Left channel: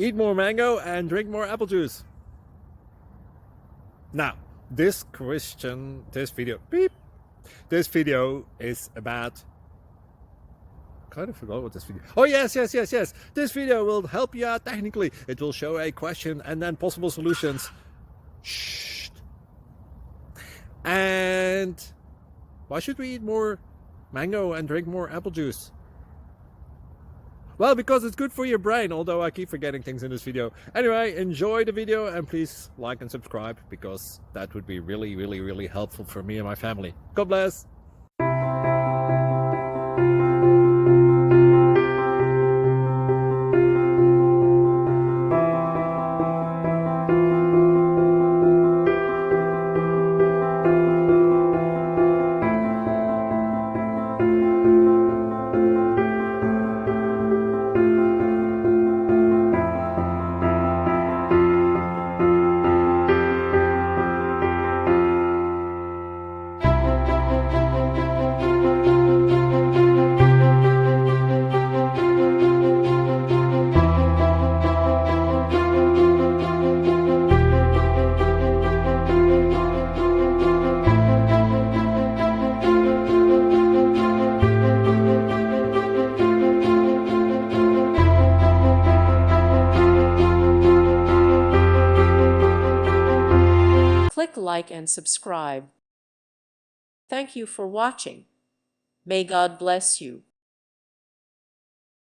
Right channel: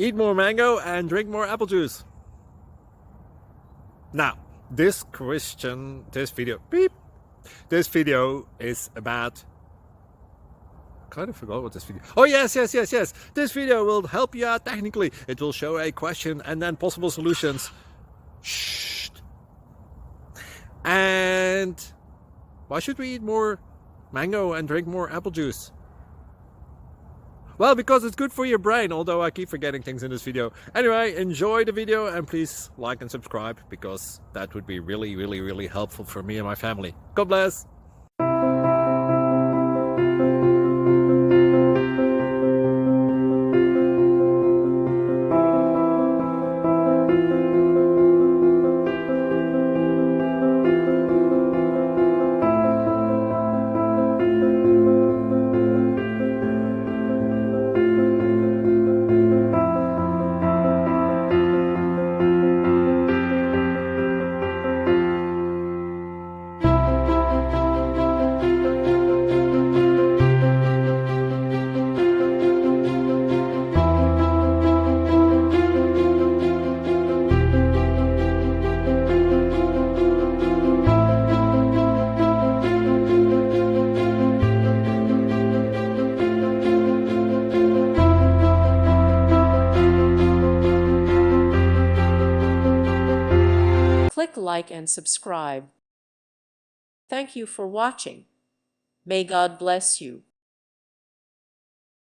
Eat more mango and drink more apple juice. Now, this video is about, I kind of forgot what this video. Oh, yes. This video will help you out technically. It will show a question and then possible solutions. Shh. And why should we eat more mango and drink more apple juice? Well, because it's good for your brain, although I keep forgetting things in this video. Anyway, enjoy the video and please like and subscribe, because that would be really helpful for me and my family. God bless! Click like and subscribe. Thank you for watching. May God bless you.